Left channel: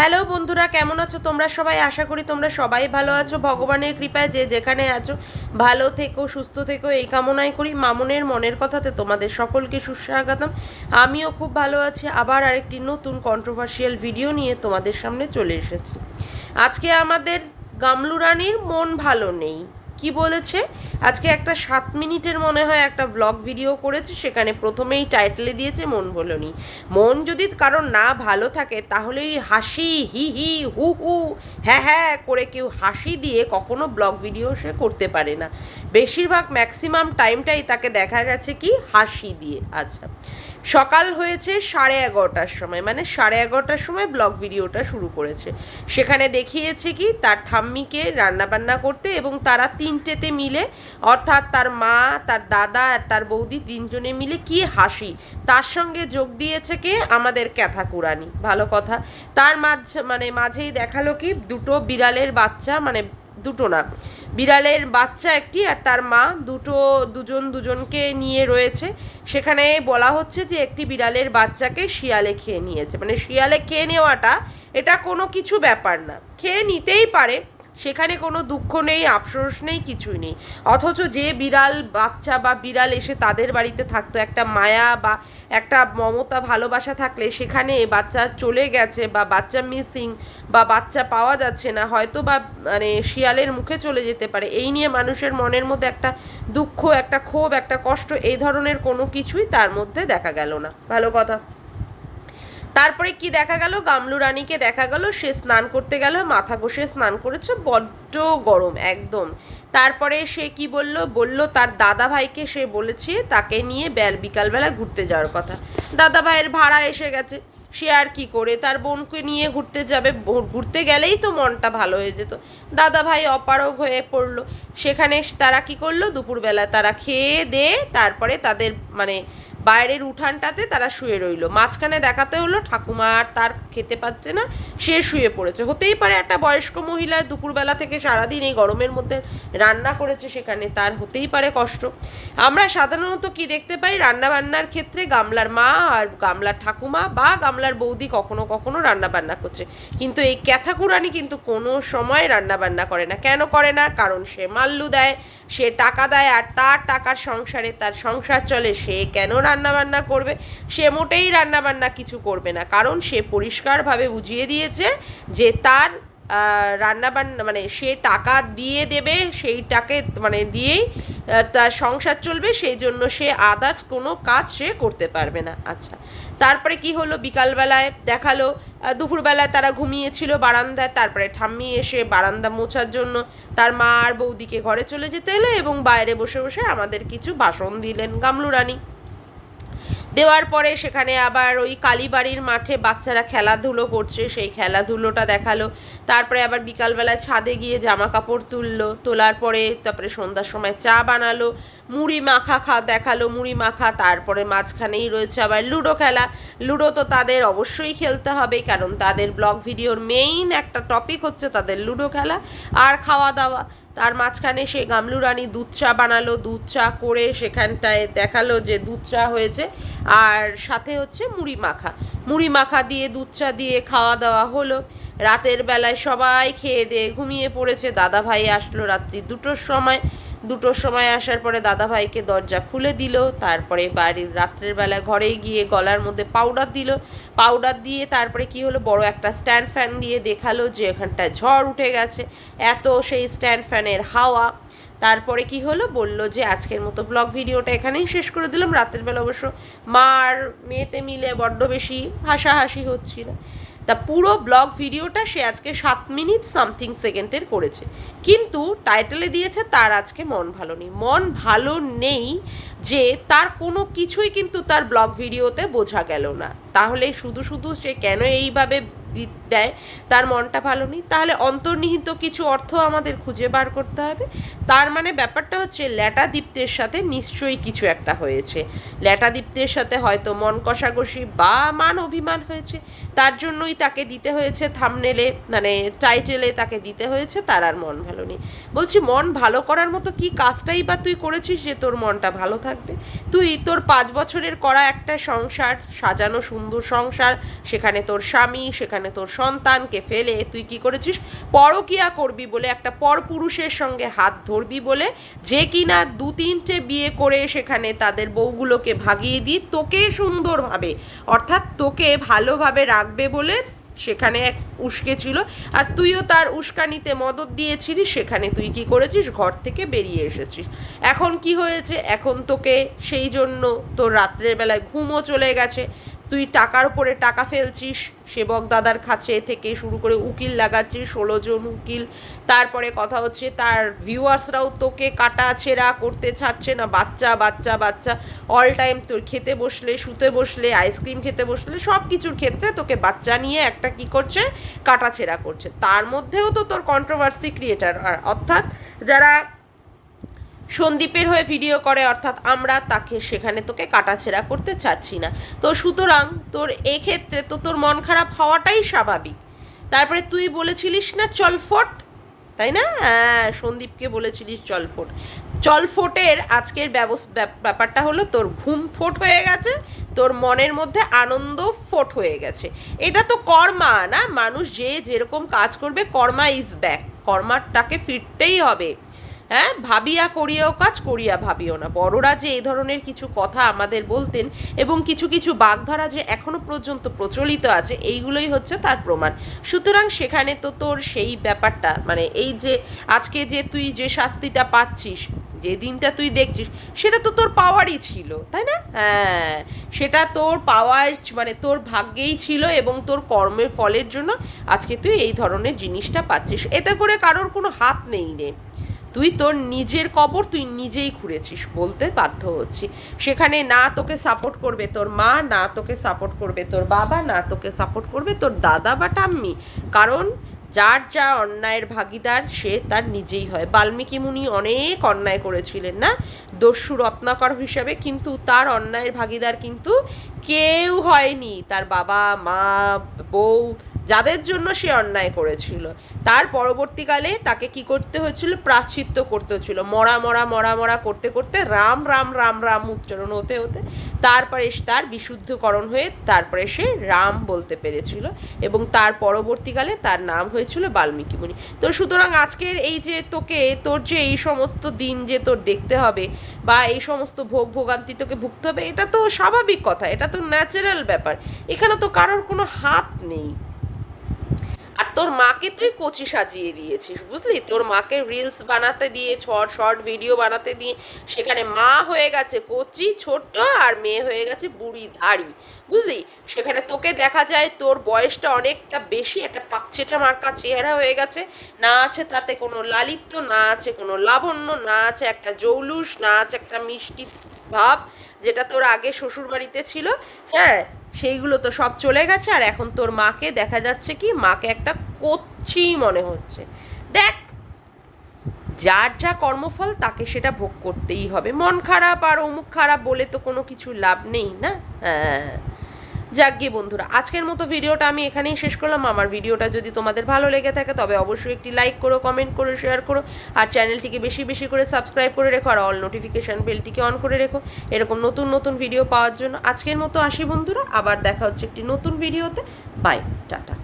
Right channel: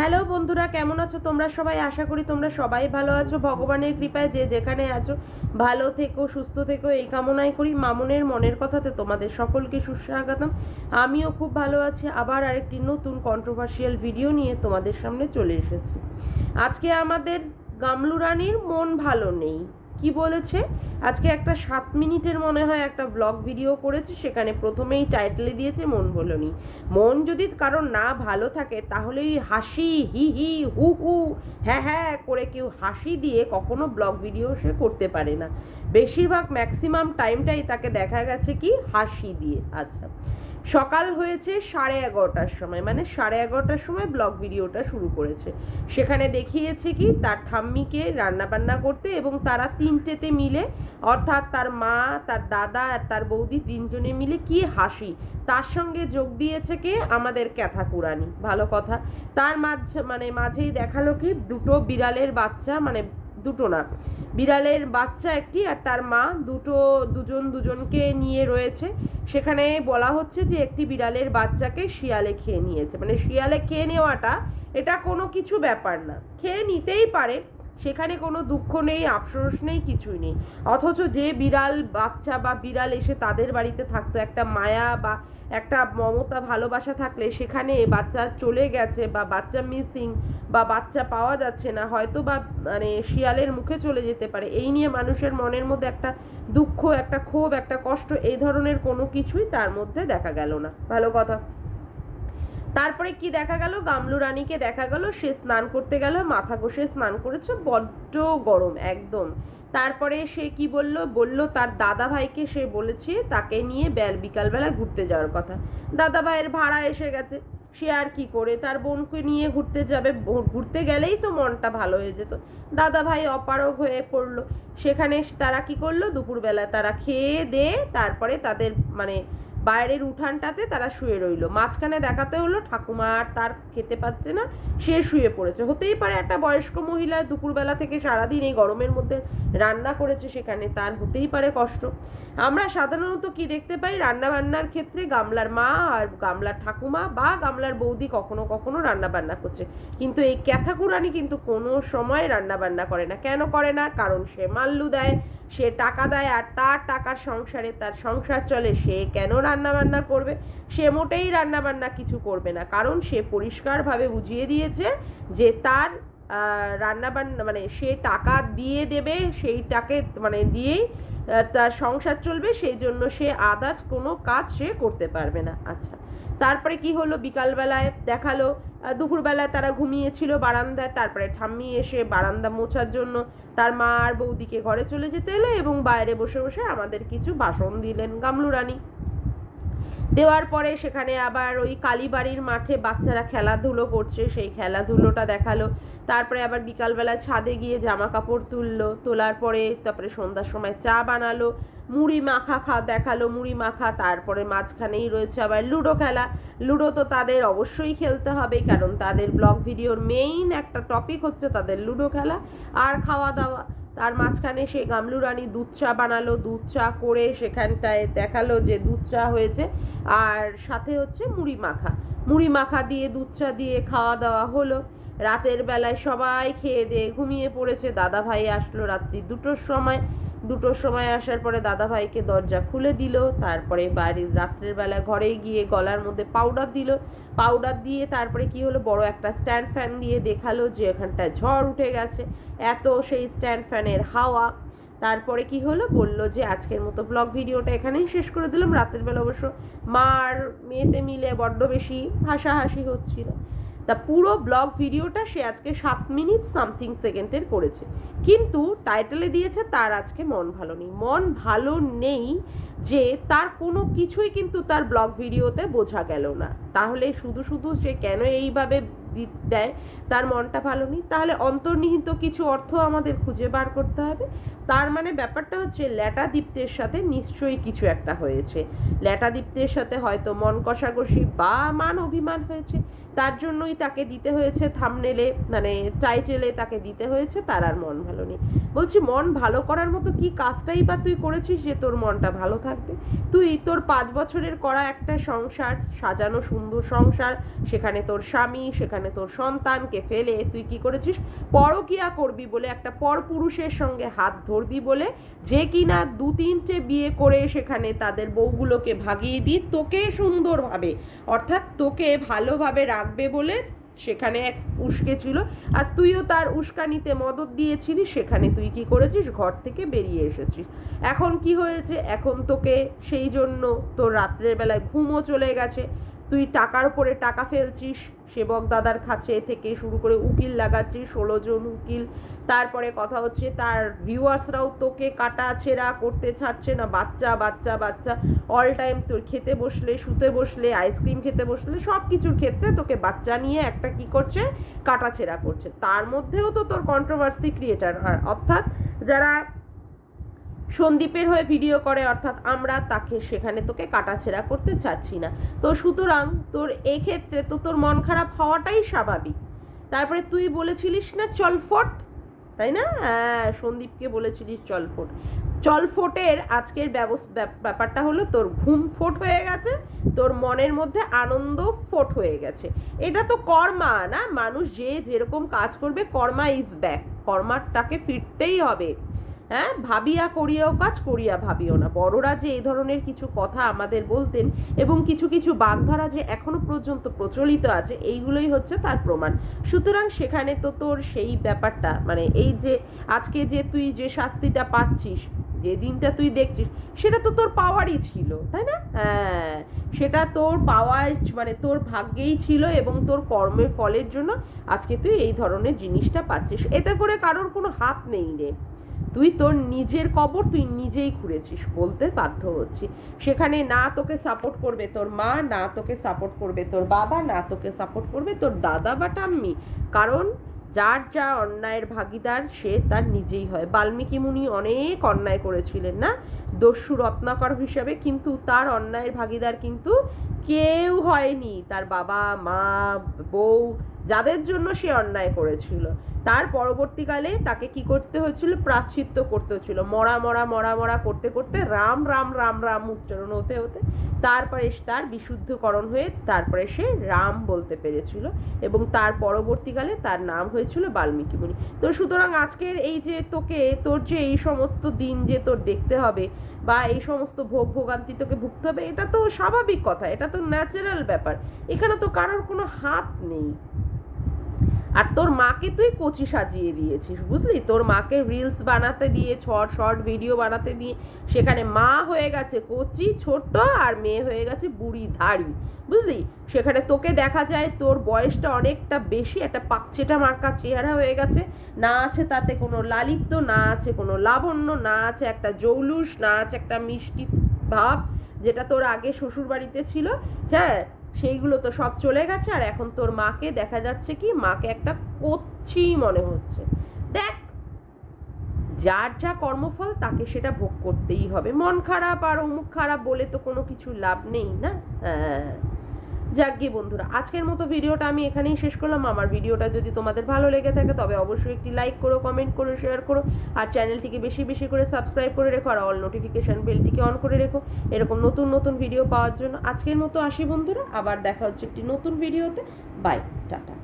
Hello বন্ধুরা, কেমন আছো তোমরা সবাই? আশা করি তোমরা সবাই ভালো আছো। ভগবানের কৃপায় যে যেখানে আছো ভালো থেকো, সুস্থ থেকো, এই কামনাই করি। মামনের মনের কথাতে তোমাদের সকলকে সুস্বাগতম। আমিও খুব ভালো আছি। আবার আরেকটি নতুন কন্ট্রোভার্সিয়াল ভিডিও নিয়ে তোমাদের সামনে চলে এসেছি। আজকে আমাদের গামলু রানীর মন ভালো নেই। কি বলেছে? আজকে একটা 7 মিনিটের মনে হয় একটা ব্লগ ভিডিও করেছে, সেখানে প্রথমেই টাইটেলে দিয়েছে মন ভালো নেই। মন যদি কারণ না ভালো থাকে তাহলে ওই হাসি হি হি হু হু হ্যাঁ হ্যাঁ করে কেউ হাসি দিয়ে কখনো ব্লগ ভিডিও সে করতে পারে না। বেশিরভাগ ম্যাক্সিমাম টাইমটাই তাকে দেখা গেছে কি হাসি দিয়ে। আচ্ছা, সকাল হয়েছে 11:30টার সময়, মানে 11:30টার সময় ব্লগ ভিডিওটা শুরু করেছে। সেখানে দেখিয়েছে কি তার ঠাম্মিকে রান্নাবান্না করতে, এবং তারা তিনটেতে মিলে, অর্থাৎ তার মা, তার দাদা আর তার বৌদি তিনজনে মিলে কি হাসি। তার সঙ্গে যোগ দিয়েছে কে? আমাদের ক্যাথাকুরানি। ভালো কথা। তার মাঝেই দেখালো কি দুটো বিড়ালের বাচ্চা, মানে দুটো না, বিড়ালের বাচ্চা একটি আর তার মা দুজনকে নিয়ে রয়েছে। সেখানে বলা হচ্ছে যে একটি বিড়ালের বাচ্চাকে শিয়ালে খেয়ে নিয়েছে। মানে শিয়ালে খেয়ে নেওয়াটা এটা কোনো কিছু ব্যাপার না, খেয়ে নিতেই পারে, সেখানে কোনো দুঃখ নেই, আফসোস নেই, কিছুই নেই। অথচ যে বিড়াল বাচ্চা বা বিড়াল এসে তাদের বাড়িতে থাকতো, একটা মায়া বা একটা মমতা ভালোবাসা থাকলে, সেখানে বাচ্চা চলে গেছে বা বাচ্চা মিসিং বা বাচ্চা পাওয়া যাচ্ছে না, হয়তো বা মানে শিয়ালের মুখে চলে যেতে পারে, এই নিয়ে মানুষের মনের মধ্যে একটা দুঃখ, একটা ক্ষোভ, একটা কষ্ট, এই ধরনের কোনো কিছুই তার মধ্যে দেখা গেল না। ভালো কথা। তারপরে কি দেখা গেল? গামলু রানীকে দেখা গেল সে স্নান করতে গেল, মাথা ঘষে স্নান করেছে, বড্ড গরম একদম। তারপরে সে কি বলল তার দাদা ভাইকে সে বলেছে তাকে নিয়ে বিকালবেলা ঘুরতে যাওয়ার কথা। দাদা ভাইয়ের ভাড়া এসে গেছে, সে আর কি করে তার বোনকে নিয়ে ঘুরতে যাবে? ঘুরতে গেলেই তো মনটা ভালো হয়ে যেত। দাদা ভাই অপারগ হয়ে পড়লো। সেখানে তারা কি করলো? দুপুরবেলা তারা খেয়ে দিয়ে তারপরে তাদের মানে বাইরের উঠানটাতে তারা শুয়ে রইল। মাঝখানে দেখাতে হলো ঠাকুমা আর তার খেতে পাচ্ছে না, সে শুয়ে পড়েছে। হতেই পারে একটা বয়স্ক মহিলা দুপুরবেলা থেকে সারাদিন এই গরমের মধ্যে রান্না করেছে, সেখানে তার হতেই পারে কষ্ট। আমরা সাধারণত কি দেখতে পাই? রান্না বান্নার ক্ষেত্রে গামলার মা আর গামলার ঠাকুমা বা গামলার বৌদি কখনো কখনো রান্না বান্না করছে, কিন্তু এই ক্যাথাকুরানি কিন্তু কোনো সময় রান্না বান্না করে না। কেন করে না? কারণ সে মাল্লু দেয়, সে টাকা দেয়, আর তার টাকার সংসারে তার সংসার চলে। সে কেন রান্না বান্না করবে? সে মোটেই রান্না বান্না কিছু করবে না, কারণ সে পরিষ্কারভাবে বুঝিয়ে দিয়েছে যে তার রান্না বান্না মানে সে টাকা দিয়ে দেবে, সেইটাকে মানে দিয়েই তার সংসার চলবে, সেই জন্য সে আদার্স কোনো কাজ সে করতে পারবে না। আচ্ছা, তারপরে কি হলো? বিকালবেলায় দেখালো দুপুরবেলায় তারা ঘুমিয়েছিল বারান্দায়, তারপরে ঠাম্মি এসে বারান্দা মোছার জন্য তার মা আর বৌদিকে ঘরে চলে যেতে এলো, এবং বাইরে বসে বসে আমাদের কিছু ভাষণ দিলেন গামলু রানী। দেওয়ার পরে সেখানে আবার ওই কালীবাড়ির মাঠে বাচ্চারা খেলাধুলো করছে, সেই খেলাধুলোটা দেখালো। তারপরে আবার বিকালবেলায় ছাদে গিয়ে জামা কাপড় তুললো, তোলার পরে তারপরে সন্ধ্যার সময় চা বানালো, মুড়ি মাখা দেখালো, মুড়ি মাখা। তারপরে মাঝখানেই রয়েছে আবার লুডো খেলা। লুডো তো তাদের অবশ্যই খেলতে হবে, কারণ তাদের ব্লগ ভিডিওর মেইন একটা টপিক হচ্ছে তাদের লুডো খেলা আর খাওয়া দাওয়া। তার মাঝখানে সে গামলু রানী দুধ চা বানালো, দুধ চা করে সেখানটায় দেখালো যে দুধ চা হয়েছে, আর সাথে হচ্ছে মুড়ি মাখা দিয়ে দুধ চা দিয়ে খাওয়া দাওয়া হলো। রাতের বেলায় সবাই খেয়ে দিয়ে ঘুমিয়ে পড়েছে। দাদা ভাই আসলো রাত্রি 2টোর সময় আসার পরে দাদা ভাইকে দরজা খুলে দিল। তারপরে বাড়ির রাত্রের বেলা ঘরে গিয়ে গলার মধ্যে পাউডার দিয়ে তারপরে কি হলো, বড় একটা স্ট্যান্ড ফ্যান দিয়ে দেখালো যে এখানটায় ঝড় উঠে গেছে, এত সেই স্ট্যান্ড ফ্যানের হাওয়া। তারপরে কি হলো, বলল যে আজকের মতো ব্লগ ভিডিওটা এখানেই শেষ করে দিলাম। রাতের বেলা অবশ্য মা আর মেয়েতে মিলে বড্ড বেশি হাসাহাসি হচ্ছিল। তা পুরো ব্লগ ভিডিওটা সে আজকে 7 মিনিট সামথিং সেকেন্ডের করেছে, কিন্তু টাইটেলে দিয়েছে তার আজকে মন ভালো নেই। মন ভালো নেই যে তার কোনো কিছুই কিন্তু তার ব্লগ ভিডিওতে বোঝা গেল না। তাহলে শুধু শুধু সে কেন এইভাবে দেয় তার মনটা ভালো নেই? তাহলে অন্তর্নিহিত কিছু অর্থ আমাদের খুঁজে বার করতে হবে। তার মানে ব্যাপারটা হচ্ছে ল্যাটাদীপ্তের সাথে নিশ্চয়ই কিছু একটা হয়েছে। ল্যাটাদীপ্তের সাথে হয়তো মন কষাকষি বা মান অভিমান হয়েছে, তার জন্যই তাকে দিতে হয়েছে থাম্বনেলে, মানে টাইটেলে তাকে দিতে হয়েছে তার আর মন ভালো নেই। বলছি, মন ভালো করার মতো কি কাজটাই বা তুই করেছিস যে তোর মনটা ভালো থাকবে? তুই তোর 5 বছরের করা একটা সংসার, সাজানো সুন্দর সংসার, সেখানে তোর স্বামী, সেখানে সেখানে তোর সন্তানকে ফেলে তুই কি করেছিস, পরকীয়া করবি বলে, একটা পরপুরুষের সঙ্গে হাত ধরবি বলে, যে কিনা 2-3টে বিয়ে করে সেখানে তাদের বউগুলোকে ভাগিয়ে দিয়ে তোকে সুন্দরভাবে, অর্থাৎ তোকে ভালোভাবে রাখবে বলে সেখানে এক উস্কে ছিল, আর তুইও তার উস্কানিতে মদত দিয়েছিলিস, সেখানে তুই কি করেছিস, ঘর থেকে বেরিয়ে এসেছিস। এখন কি হয়েছে, এখন তোকে সেই জন্য তোর রাত্রের বেলায় ঘুমও চলে গেছে, তুই টাকার উপরে টাকা ফেলছিস, সেবক দাদার কাছে থেকে শুরু করে উকিল লাগাচ্ছিস, 16 জন উকিল, তারপরে কথা হচ্ছে তার ভিউয়ার্সরাও তোকে কাটা ছেঁড়া করতে ছাড়ছে না, বাচ্চা বাচ্চা বাচ্চা, অল টাইম তোর খেতে বসলে, শুতে বসলে, আইসক্রিম খেতে বসলে, সব কিছুর ক্ষেত্রে তোকে বাচ্চা নিয়ে একটা কি করছে, কাটা ছেঁড়া করছে। তার মধ্যেও তো তোর কন্ট্রোভার্সি ক্রিয়েটার, অর্থাৎ যারা সন্দীপের হয়ে ভিডিও করে, অর্থাৎ আমরা, তাকে সেখানে তোকে কাটাছেঁড়া করতে চাচ্ছি না। তো সুতরাং তোর এক্ষেত্রে তো তোর মন খারাপ হওয়াটাই স্বাভাবিক। তারপরে তুই বলেছিলিস না চলফট, তাই না? হ্যাঁ, সন্দীপকে বলেছিলিস চলফট। চলফটের আজকের ব্যাপারটা হলো তোর ঘুম ফোট হয়ে গেছে, তোর মনের মধ্যে আনন্দ ফোট হয়ে গেছে। এটা তো কর্মা না, মানুষ যে যেরকম কাজ করবে, কর্মা ইজ ব্যাক, কর্মাটাকে ফিরতেই হবে। হ্যাঁ, ভাবিয়া করিয়াও কাজ, করিয়া ভাবিও না। বড়রা যে এই ধরনের কিছু কথা আমাদের বলতেন এবং কিছু কিছু বাগধারা যে এখনো পর্যন্ত প্রচলিত আছে, এইগুলোই হচ্ছে তার প্রমাণ। সুতরাং সেখানে তো তোর সেই ব্যাপারটা, মানে এই যে আজকে যে তুই যে শাস্তিটা পাচ্ছিস, যে দিনটা তুই দেখছিস, সেটা তো তোর পাওয়ারই ছিল, তাই না? হ্যাঁ, সেটা তোর পাওয়ার, মানে তোর ভাগ্যেই ছিল এবং তোর কর্মের ফলের জন্য আজকে তুই এই ধরনের জিনিসটা পাচ্ছিস। এতে করে কারোর কোনো হাত নেই রে, তুই তোর নিজের কবর তুই নিজেই খুঁড়েছিস বলতে বাধ্য হচ্ছি। সেখানে না তোকে সাপোর্ট করবে তোর মা, না তোকে সাপোর্ট করবে তোর বাবা, না তোকে সাপোর্ট করবে তোর দাদা বা ঠাম্মি, কারণ যার যা অন্যায়ের ভাগিদার সে তার নিজেই হয়। বাল্মীকি মুনি অনেক অন্যায় করেছিলেন না, দস্যু রত্নাকর হিসাবে, কিন্তু তার অন্যায়ের ভাগিদার কিন্তু কেউ হয়নি, তার বাবা মা বউ, যাদের জন্য সে অন্যায় করেছিল। তার পরবর্তীকালে তাকে কি করতে হয়েছিল, প্রায়শ্চিত্ত করতে হয়েছিল, মরা মরা মরা মরা করতে করতে রাম রাম রাম রাম উচ্চারণ হতে হতে তারপরে তার বিশুদ্ধকরণ হয়ে তারপরে সে রাম বলতে পেরেছিল, এবং তার পরবর্তীকালে তার নাম হয়েছিল বাল্মীকি মুনি। তো সুতরাং আজকের এই যে তোকে, তোর যে এই সমস্ত দিন যে তোর দেখতে হবে বা এই সমস্ত ভোগ ভোগান্তি তোকে ভুগতে হবে, এটা তো স্বাভাবিক কথা, এটা তো ন্যাচারাল ব্যাপার, এখানে তো কারোর কোনো হাত নেই। আর তোর মাকে তুই কচি সাজিয়ে দিয়েছিস, বুঝলি? তোর মাকে রিলস বানাতে দিয়ে, শর্ট ভিডিও বানাতে দিয়ে সেখানে মা হয়ে গেছে কচি ছোট্ট, আর মেয়ে হয়ে গেছে বুড়ি ধাড়ি, বুঝলি? সেখানে তোকে দেখা যায় তোর বয়সটা অনেকটা বেশি, একটা পাকচেটা মার্কা চেহারা হয়ে গেছে, না আছে তাতে কোনো লালিত্য, না আছে কোনো লাবণ্য, না আছে একটা জৌলুস, না আছে একটা মিষ্টি ভাব, যেটা তোর আগে শ্বশুর বাড়িতে ছিল। হ্যাঁ, সেইগুলো তো সব চলে গেছে, আর এখন তোর মাকে দেখা যাচ্ছে কি, মাকে একটা কচ্ছি মনে হচ্ছে। দেখ, যার যা কর্মফল তাকে সেটা ভোগ করতেই হবে। মন খারাপ আর অমুক খারাপ বলে তো কোনো কিছু লাভ নেই না। হ্যাঁ, যাক গিয়ে বন্ধুরা, আজকের মতো ভিডিওটা আমি এখানেই শেষ করলাম। আমার ভিডিওটা যদি তোমাদের ভালো লেগে থাকে তবে অবশ্যই একটি লাইক করো, কমেন্ট করো, শেয়ার করো, আর চ্যানেলটিকে বেশি বেশি করে সাবস্ক্রাইব করে রেখো, আর অল নোটিফিকেশান বেলটিকে অন করে রেখো এরকম নতুন নতুন ভিডিও পাওয়ার জন্য। আজকের মতো আসি বন্ধুরা, আবার দেখা হচ্ছে একটি নতুন ভিডিওতে। Bye, tata.